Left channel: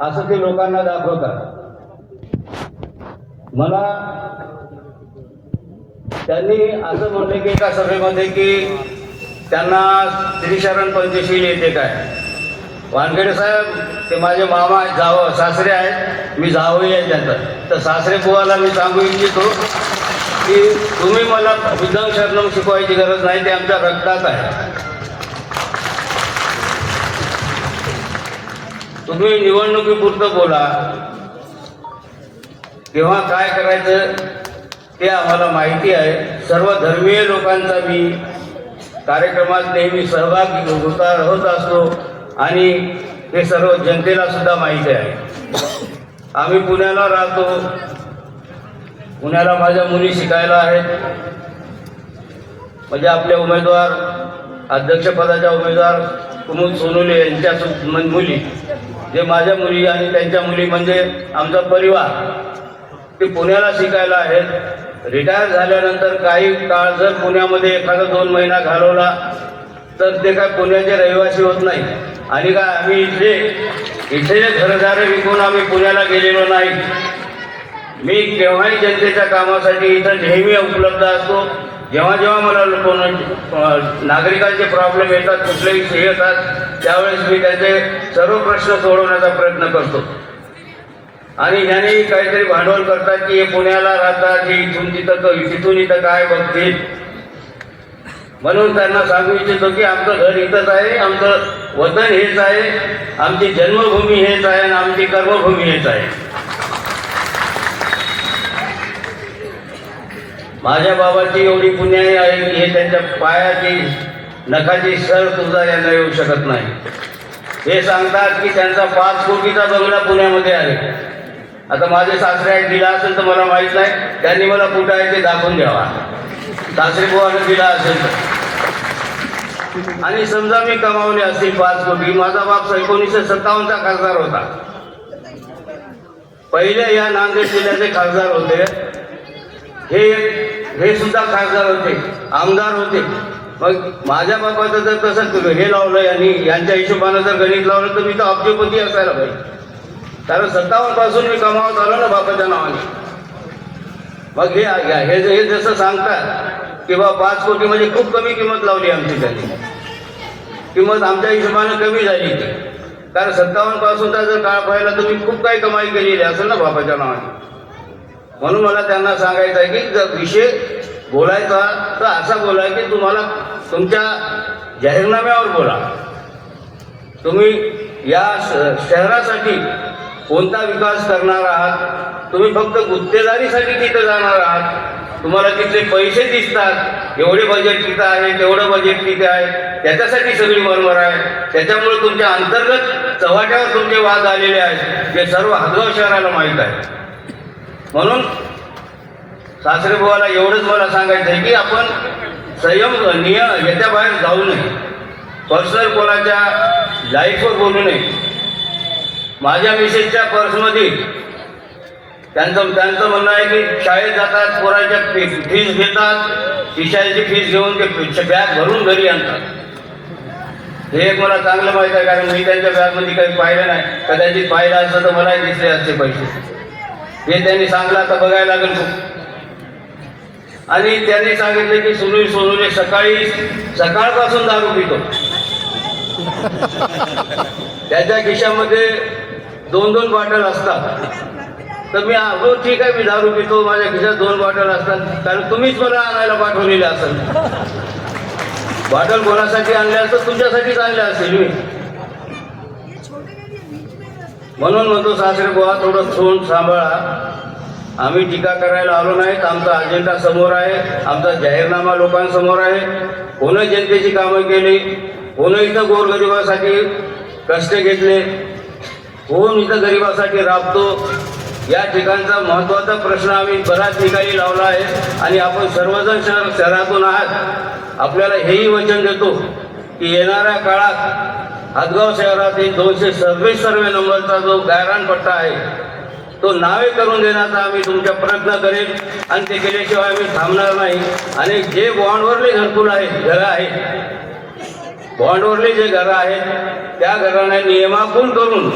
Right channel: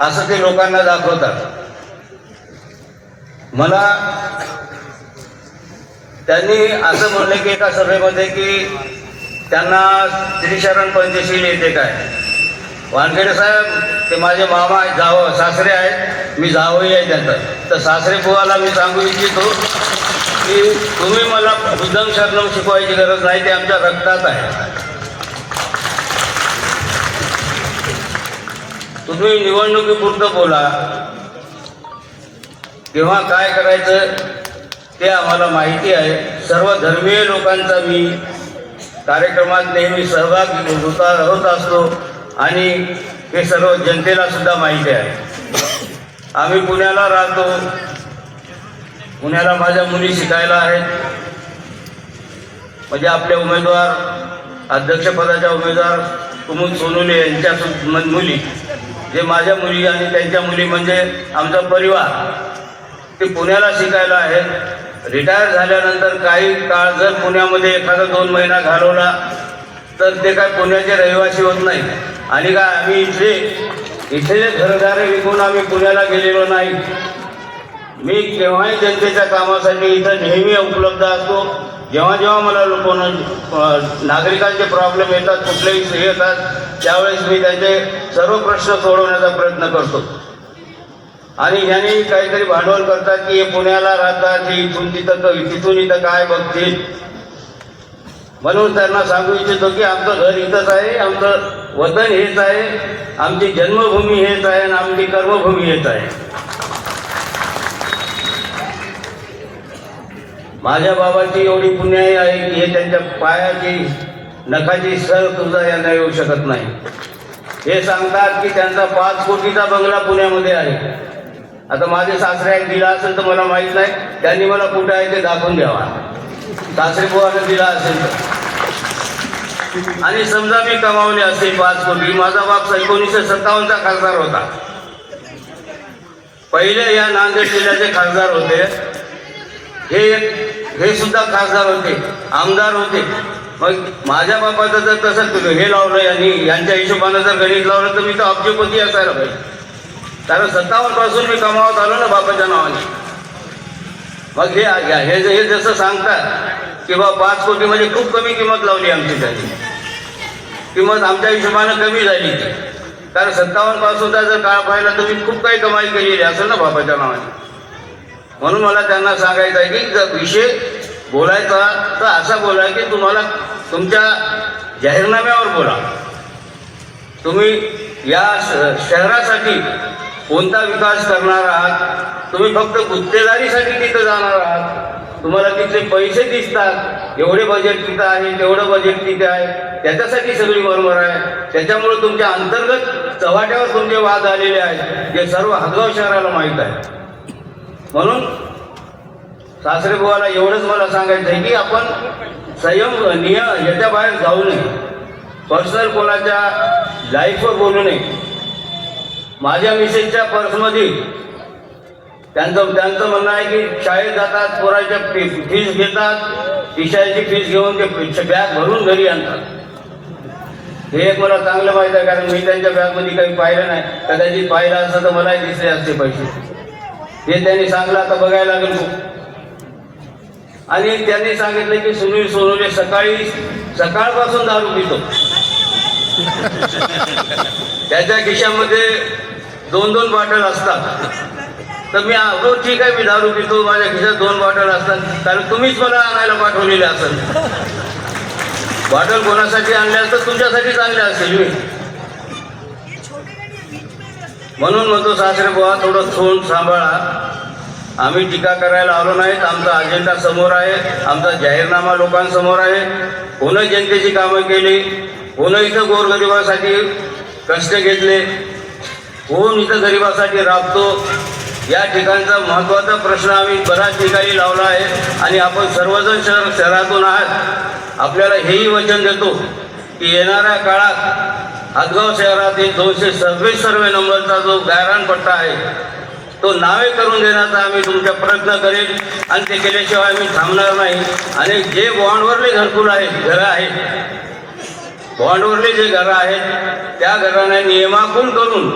असं ते लोकांना दाखवतात. मला त्यांनी असं म्हणलं की एका सभेमध्ये की त्यांना त्रिशरण पंचशील येते काय? वानखेडे साहेब ते माझे मामा आहेत, जाव सासरे आहेत मी जावई आहे त्यांचं. तर सासरे बुवाला मी सांगू इच्छितो की तुम्ही मला बुद्धं शरणम शिकवायची गरज नाही ते आमच्या रक्तात आहे. तुम्ही निवडणुकीपुरतं बोला. तेव्हा काय करायचं ते आम्हाला माहिती आहे. सर्व धर्मीय लोकांचा मी कार्यक्रमात नेहमी सहभाग होता होत असतो आणि हे सर्व जनतेला सुद्धा माहिती आहे. आम्ही पुण्याला राहतो. पुण्याला माझ्या मुली शिकायला आहेत. म्हणजे आपले उमेदवार अध्यक्षपदाच्या उमेदवार कुमुद सोनुले यांच्या मुली. जे माझ्या मुली आणि त्यांच्या मुली म्हणजे आमचा परिवार ते पुण्याला शिकायला आहेत. रिटायर झाल्यानंतर काही काळ जर पुण्यामध्ये एखादा दोन महिना घालवला तर ते काय पुण्याचे रहिवासी होत नाही. आणि काय आम्ही इथे इथे घरदारे विकून आम्ही पुण्याला गेलेलो नाही. मी केव्हाही जनतेच्या कामासाठी इथं नेहमी उपलब्ध असतो. जेव्हा जेव्हा मला कोण नागरिकांचे प्रॉब्लेम येतात कुठलेही हे येतात त्यावेळेस मी त्याचे सर्व प्रश्न सोडवण्याचा प्रयत्न करतो. आणि ह्यांनी काहीतरी भांडवल करतात की हे पुण्याला राहतात हे इथून तिथं तिथून इथं काय बघतील? म्हणून त्यांना सांगू इच्छितो की आमचं घर इथंच आहे आमचं वतन हेच आहे आमची जन्मभूमी हेच आहे आणि आमची कर्मभूमी हेच आहे. माझ्या बाबाची एवढी पुण्याई आहे की हे त्यांच्या पायाची नखाची सर सुद्धा यांना येऊ शकत नाही. हे सांगतात की त्यांचा पाच कोटीचा बंगला पुण्यामध्ये आहे. आता माझे सासरे आहेत दिला असेल तर मला माहीत नाही. त्यांनी मला कुठं आहे ते दाखवून द्यावा. सासरे बुवाने दिला असेल तर. आणि समजा मी कमावले असतील पाच कोटी माझा बाप एकोणीसशे सत्तावन्नचा खासदार होता. पहिले या नांदेड जिल्ह्याचे खासदार होते. हे हे सुद्धा खासदार होते आमदार होते. मग माझ्या बापाचं जर तसं केलं हे लावलं यांनी यांच्या हिशोबानं जर गणित लावलं तर मी तर अब्जपती असायला पाहिजे. कारण सत्तावन्नपासून मी कमावत आलो ना बापाच्या नावाने. मग हे हे हे जसं सांगतात की बा पाच कोटी म्हणजे खूप कमी किंमत लावली आमची त्याची किंमत आमच्या हिशोबानं कमी झाली ती. कारण सत्तावन्न पासूनचा जर काळ पाहिला तर मी खूप काही कमाई केलेली असेल ना बापाच्या नावाने. म्हणून मला त्यांना सांगायचं आहे की जर विषय बोलायचा तर असा बोलाय की तुम्हाला तुमच्या जाहीरनाम्यावर बोला. तुम्ही या श- शहरासाठी कोणता विकास करणार आहात? तुम्ही फक्त गुत्तेदारीसाठी तिथं जाणार आहात. तुम्हाला तिथले पैसे दिसतात. एवढे बजेट तिथं आहे तेवढं बजेट तिथे आहे. त्याच्यासाठी सगळी मरमर आहे. त्याच्यामुळे तुमच्या अंतर्गत चव्हाट्यावर तुमचे वाद आलेले आहेत. जे सर्व हदगाव शहराला माहीत आहे. म्हणून सासरे बुवाला एवढंच मला सांगायचं आहे की आपण संयम नियम याच्या बाहेर जाऊ नये. पर्सनल कोणाच्या लाईफवर बोलू नये. माझ्या मिसेसच्या पर्समध्ये त्यांचं त्यांचं म्हणणं आहे की शाळेत जातात पोराच्या फीस घेतात विषयाची फीस घेऊन ते बॅग भरून घरी आणतात. हे एक मला चांगलं माहीत आहे कारण मी त्यांच्या बॅगमध्ये काही पाहिलं नाही. कदाचित पाहिलं असतं तर मलाही दिसले असते पैसे. हे त्यांनी सांगलं आता बघायला लागेल खूप. आणि त्यांनी सांगितलं की सुनील सोनवणे सकाळी सकाळपासून दारू पितो. त्याच्या खिशामध्ये दोन दोन बॉटल असतात. तर मी हो ठीक आहे मी दारू पितो माझ्या खिशात दोन बॉटल असतात. कारण तुम्हीच मला आणायला पाठवलेले असाल. बॉटल कोणासाठी आणल्या तर तुमच्यासाठीच आणल्या असेल मी. म्हणून म्हणतो सासरे बुवा थोडं सोन सांभाळा. आम्ही टीका करायला आलो नाहीत. आमचा अजेंडा समोर आहे. आमचा जाहीरनामा लोकांसमोर आहे. कोण जनतेची कामं केली? कोण इथं गोरगरिबासाठी कष्ट घेतले? कोण इथं गरिबासाठी राबतो? या ठिकाणचा महत्त्वाचा प्रश्न आम्ही बऱ्याच ठिकाणी लावला आहे आणि आपण सर्वजण शहर शहरातून आहात. आपल्याला हेही वचन देतो की येणाऱ्या काळात हदगाव शहरातील दोनशे सव्वीस सर्वे नंबरचा जो गायरान पट्टा आहे तो नावे करून देण्याचा आम्ही तुमच्या प्रयत्न करेल आणि ते केल्याशिवाय आम्ही थांबणार नाही. आणि जे बॉन्डवरले घरकुल आहेत घरं आहेत बॉन्डवरले जे घरं आहेत त्या घरांना नियमाकुल करून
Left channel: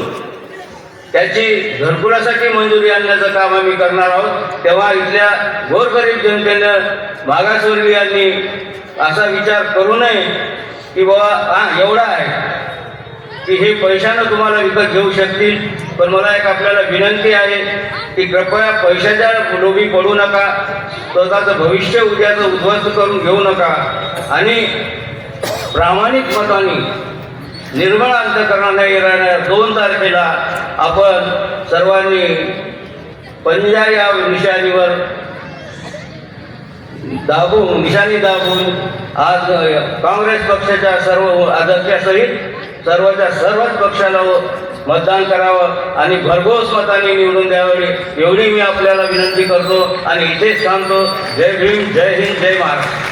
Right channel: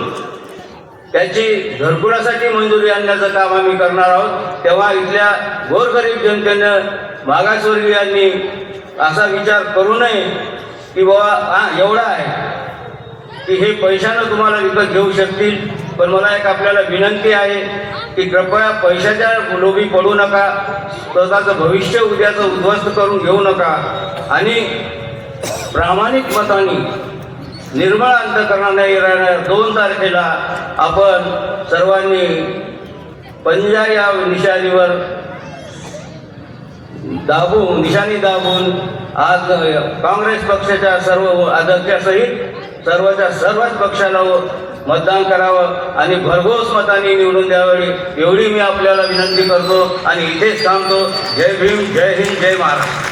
त्याची घरकुलासाठी मंजुरी आणण्याचं काम आम्ही करणार आहोत. तेव्हा इथल्या गोरगरीब जनतेनं मागासवर्गीयांनी असा विचार करू नये की बाबा हा एवढा आहे. की हे पैशानं तुम्हाला विकत घेऊ शकतील. पण मला एक आपल्याला विनंती आहे की कृपया पैशाच्या लोभी पडू नका. स्वतःचं भविष्य उद्याचं उद्ध्वस्त करून घेऊ नका. आणि प्रामाणिक मताने निर्मळ अंतकरणाने येणाऱ्या दोन तारखेला आपण सर्वांनी पंजा या निशाणीवर दाबून निशाणी दाबून आज काँग्रेस पक्षाच्या सर्व अध्यक्षासहित सर्वच्या सर्वच पक्षाला हो, मतदान करावं आणि भरघोस मताने निवडून द्यावे. एवढी मी आपल्याला विनंती करतो आणि इथेच थांबतो. जय भीम जय हिंद जय महाराष्ट्र.